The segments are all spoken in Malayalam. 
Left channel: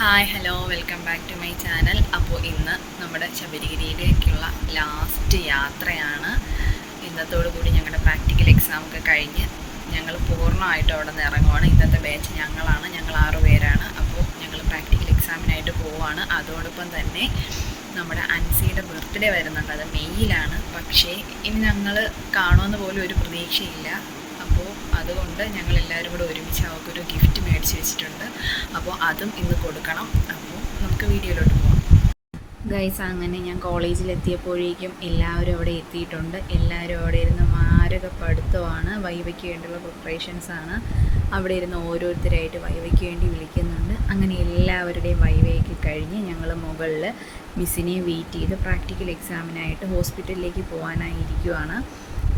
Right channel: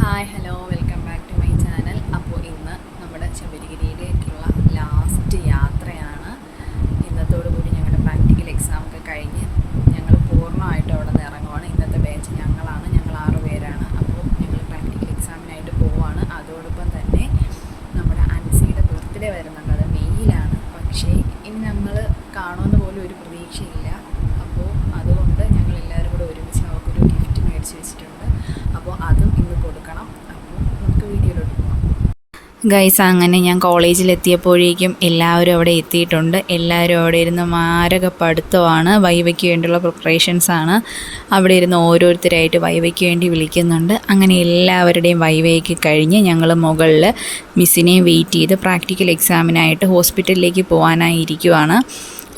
Hi hello welcome back to my channel അപ്പോൾ ഇന്ന് നമ്മുടെ ശബരിഗിരിയിലേക്കുള്ള ലാസ്റ്റ് യാത്രയാണ്. ഇന്നത്തോടു കൂടി ഞങ്ങളുടെ പ്രാക്ടിക്കൽ എക്സാം ഒക്കെ കഴിഞ്ഞ് ഞങ്ങൾ പൂർണമായിട്ട് അവിടെ നിന്ന് ഇറങ്ങുവാണ്. ഇന്നത്തെ ബാച്ച് ഞങ്ങളാണ്. ഞങ്ങൾ ആറു പേരാണ്. അപ്പോൾ ഞങ്ങൾ പ്രാക്ടിക്കൽ എക്സാമിനായിട്ട് പോവുകയാണ് അതോടൊപ്പം തന്നെ നമ്മുടെ അൻസിയുടെ ബർത്ത്ഡേ വരുന്നുണ്ട്. അത് മെയ്യിലാണ്. പക്ഷേ ഇനി ഞങ്ങൾ കാണുമെന്ന് പോലും ഒരു പ്രതീക്ഷയില്ല. അപ്പോൾ അതുകൊണ്ട് ഞങ്ങൾ എല്ലാവരും കൂടെ ഒരുമിച്ച് അവർക്കൊരു ഗിഫ്റ്റ് മേടിച്ച് വെച്ചിട്ടുണ്ട് അപ്പോൾ അതും ഇന്ന് കൊടുക്കണം. അപ്പോൾ നമുക്ക് വീഡിയോയിലോട്ട് പോകാം ഗൈസ് അങ്ങനെ ഞാൻ കോളേജിൽ എത്തിയപ്പോഴേക്കും എല്ലാവരും അവിടെ എത്തിയിട്ടുണ്ട്. എല്ലാവരും അവിടെ ഇരുന്ന് മാരക പഠിത്തമാണ് വൈവയ്ക്ക് വേണ്ടിയുള്ള പ്രിപ്പറേഷൻസ് ആണ്. അവിടെ ഇരുന്ന് ഓരോരുത്തരായിട്ട് വൈവയ്ക്ക് വേണ്ടി വിളിക്കുന്നുണ്ട്. അങ്ങനെ എല്ലാവരുടെയും വൈവയ്ക്ക് കഴിഞ്ഞ് ഞങ്ങൾ മുകളിൽ മിസ്സിനെ വെയിറ്റ് ചെയ്ത് പ്രാക്ടിക്കൽ എക്സാമിനായിട്ട് ഹോസ്പിറ്റലിലേക്ക് പോകാനായി ഇരിക്കുവാണ്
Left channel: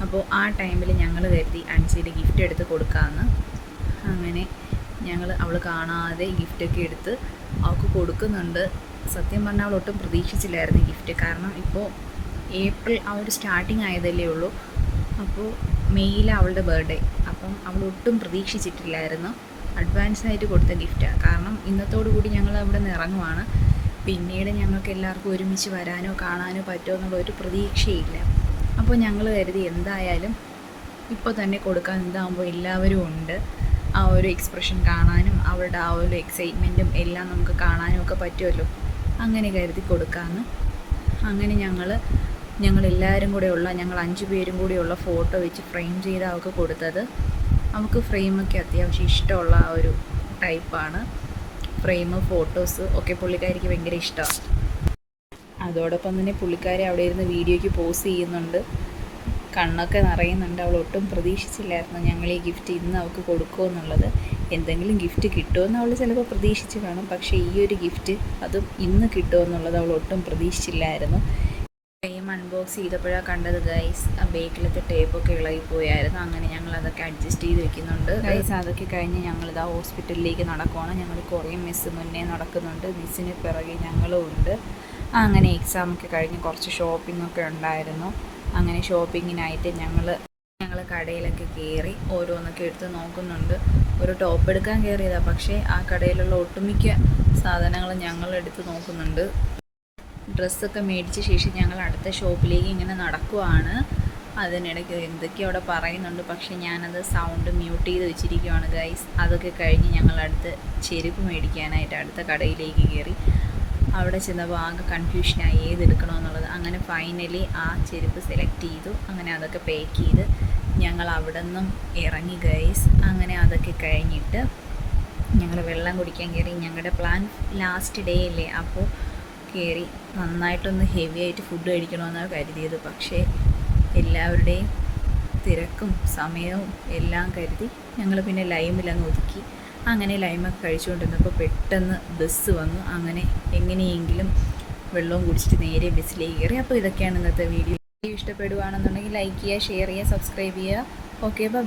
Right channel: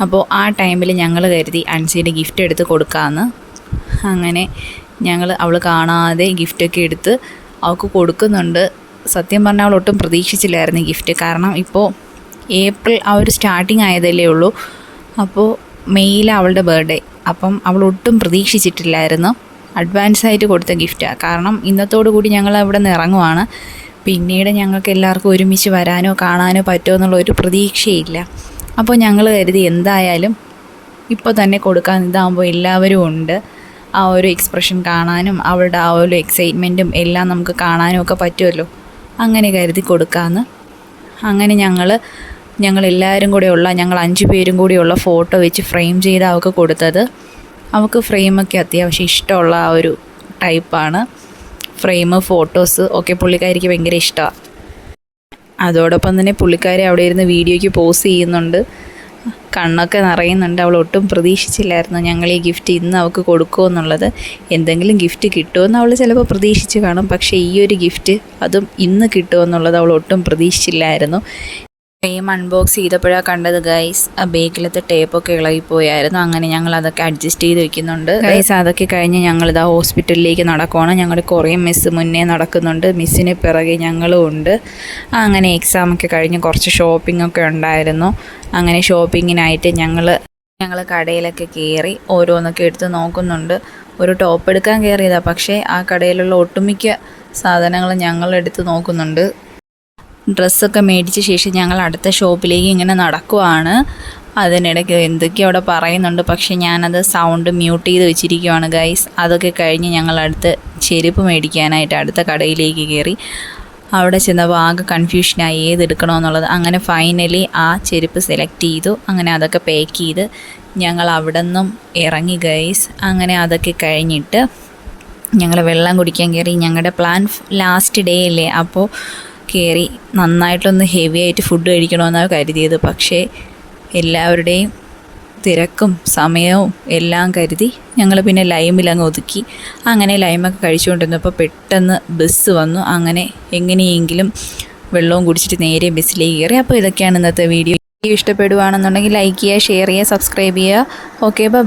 അപ്പോൾ ആ ടൈമിൽ ഞങ്ങൾ കരുതി അൻസിയുടെ ഗിഫ്റ്റ് എടുത്ത് കൊടുക്കാമെന്ന് അങ്ങനെ ഞങ്ങൾ അവൾ കാണാതെ ഗിഫ്റ്റൊക്കെ എടുത്ത് അവൾക്ക് കൊടുക്കുന്നുണ്ട്. സത്യം പറഞ്ഞാൽ അവൾ ഒട്ടും പ്രതീക്ഷിച്ചില്ലായിരുന്നു ഗിഫ്റ്റ് കാരണം ഇപ്പോൾ ഏപ്രിൽ ആ ഒരു സ്റ്റാർട്ടിങ് ആയതല്ലേ ഉള്ളൂ. അപ്പോൾ മെയ്യിലാണ് അവളുടെ ബർത്ത്ഡേ അപ്പം അവൾ ഒട്ടും പ്രതീക്ഷിച്ചിട്ടില്ലായിരുന്നു. അഡ്വാൻസ് ആയിട്ട് കൊടുത്ത ഗിഫ്റ്റാണ് കാരണം ഇന്നത്തോടു കൂടി ഞങ്ങൾ അവിടെ നിന്ന് ഇറങ്ങുവാണ്. പിന്നീട് ഞങ്ങൾക്ക് എല്ലാവർക്കും ഒരുമിച്ച് വരാനോ കാണാനോ പറ്റുമോ എന്നുള്ള ഒരു പ്രതീക്ഷയില്ല അപ്പോൾ ഞങ്ങൾ കരുതി എന്തായാലും ഇപ്പോൾ തന്നെ കൊടുക്കാൻ ഇതാകുമ്പോൾ എല്ലാവരും ഉണ്ട്. ആ ഒരു എക്സ്പ്രഷൻ കാണാനും അവളുടെ ആ ഒരു എക്സൈറ്റ്മെന്റും എല്ലാം നമുക്ക് കാണാനും ഒക്കെ പറ്റുമല്ലോ. അങ്ങനെ കരുതി കൊടുക്കാമെന്ന് അങ്ങനെ ഞങ്ങൾ എല്ലാവരും കൂടെയുള്ള ഞങ്ങൾ അഞ്ച് പേരും കൂടിയുള്ള ഫോട്ടോ വെച്ച് ഫ്രെയിം ചെയ്ത് അവൾക്ക് കൊടുത്തത്. അവൾക്ക് ഫ്രെയിമൊക്കെ അത്യാവശ്യം ഇഷ്ടമുള്ള ആ ഒരു ടൈപ്പാണ് ഫ്രെയിം ഫോട്ടോസ് ഒക്കെ പുള്ളിക്കാരിക്ക് ഭയങ്കര ഇഷ്ടമാണ് അതോടൊപ്പം തന്നെ പുള്ളിക്കാരി അവിടെ ഇരുന്ന് വീഡിയോയ്ക്ക് പോസ് ചെയ്യുന്നുണ്ട്. കണ്ണൊക്കെ നിറയുന്നുണ്ട്. അവൾ ഒട്ടും പ്രതീക്ഷിച്ചില്ലായിരുന്നു ഞങ്ങൾ ഈ ഗിഫ്റ്റ് ഇന്ന് അവൾക്ക് കൊടുക്കുമെന്നുള്ളത് എന്തെങ്കിലും ഗിഫ്റ്റ് കിട്ടുമെന്ന് അവൾ ചിലപ്പോൾ പ്രതീക്ഷിച്ച് കാണും. പക്ഷേ ഈ ഒരു ഗിഫ്റ്റ് അതും ഇന്ന് കിട്ടുമെന്നുള്ളത് അവൾ ഒട്ടും പ്രതീക്ഷിച്ചില്ലായിരുന്നു. ഫ്രെയിം അൺബോക്സ് ചെയ്തപ്പോഴാണ് കണ്ടത് ഗൈസ് ആ ബേക്കിലത്തെ ടേപ്പൊക്കെ ഇളകിപ്പോയായിരുന്നു. അങ്ങനെ ഞങ്ങൾ അതൊക്കെ അഡ്ജസ്റ്റ് ചെയ്ത് വെക്കുന്നുണ്ട് ഗൈസ് അതൊക്കെ കഴിഞ്ഞ് ഞങ്ങളിതാ ഹോസ്പിറ്റലിലേക്ക് നടക്കുവാണ്. ഞങ്ങളുടെ കുറേ മിസ് മുന്നേ നടക്കുന്നുണ്ട്. മിസ്സിന് പിറകെ ഞങ്ങളും ഉണ്ട്. അങ്ങനെ എക്സാമൊക്കെ കഴിഞ്ഞ് കുറച്ച് ഷോപ്പിംഗ് ഒക്കെ ഉണ്ടായിരുന്നു. അങ്ങനെ ഷോപ്പിങ്ങിനായിട്ട് ഞങ്ങൾ ഞങ്ങൾ കടയിലൊക്കെ കയറി ഓരോന്നൊക്കെ എടുത്ത് നോക്കുന്നുണ്ട്. ഒരു ടോപ്പ് എടുക്കാൻ കയറിയതാണ് പക്ഷേ ആ കടയിലുള്ള ഒട്ടുമിക്ക സാധനങ്ങൾ ഞങ്ങൾ എടുത്ത് നോക്കുന്നുണ്ട്. ഡ്രസ്സൊക്കെ മേടിച്ച ശേഷം ഞങ്ങൾ അടുത്ത ഷോപ്പിലേക്ക് ഇങ്ങനെ നടക്കുവാണ്. അതിനിടയ്ക്ക് എന്തൊക്കെയോ അവിടെ പറയുന്നുണ്ട്. പക്ഷേ ഞാനത് സൗണ്ട് മ്യൂട്ട് ചെയ്ത് വെച്ചിരിക്കുവാണ് ഗൈസ് അതൊക്കെ കഴിഞ്ഞ് ഞങ്ങൾ അടുത്ത് ചെരുപ്പ് മേടിക്കാനായിട്ട് അടുത്ത കടയിലേക്ക് കയറി. അവിടെ ചെന്നപ്പോൾ ആകെ കൺഫ്യൂഷനായി ഏതെടുക്കണമെന്നുള്ളത്. അങ്ങനെ ഫൈനലി ആ ചെരുപ്പ് സെലക്ട് ചെയ്തു. അങ്ങനെ അതൊക്കെ പാക്ക് ചെയ്ത് ഞങ്ങൾ അവിടെ നിന്നും ഇറങ്ങി ഗൈസ് അങ്ങനെ അതൊക്കെ കഴിഞ്ഞിട്ട് ഞങ്ങൾ വെള്ളം കുടിക്കാൻ കയറി. ഞങ്ങളുടെ പ്ലാൻ ലാസ്റ്റ് ഡേ അല്ലേ? അപ്പോൾ കയറി നന്നായിട്ടൊന്ന് ഹെവി ആയിട്ട് ഫുഡ് കഴിക്കണമെന്നാണ് കരുതിയത്. പക്ഷേ എല്ലാവരുടെയും തിരക്കും സമയവും എല്ലാം കരുതി ഞങ്ങൾ പിന്നെ ലൈമിൽ അങ്ങ് ഒതുക്കി. അങ്ങനെ ലൈമൊക്കെ കഴിച്ചുകൊണ്ടിരുന്നപ്പോൾ പെട്ടെന്ന് ബസ് വന്നു. അങ്ങനെ എങ്ങനെയെങ്കിലും വെള്ളവും കുടിച്ചിട്ട് നേരെ ബസ്സിലേക്ക് കയറി. അപ്പോൾ ഇതൊക്കെയാണ് ഇന്നത്തെ വീഡിയോ ഇഷ്ടപ്പെടുവാണെന്നുണ്ടെങ്കിൽ ലൈക്ക് ചെയ്യുക ഷെയർ ചെയ്യുക സബ്സ്ക്രൈബ് ചെയ്യുക. Okay bye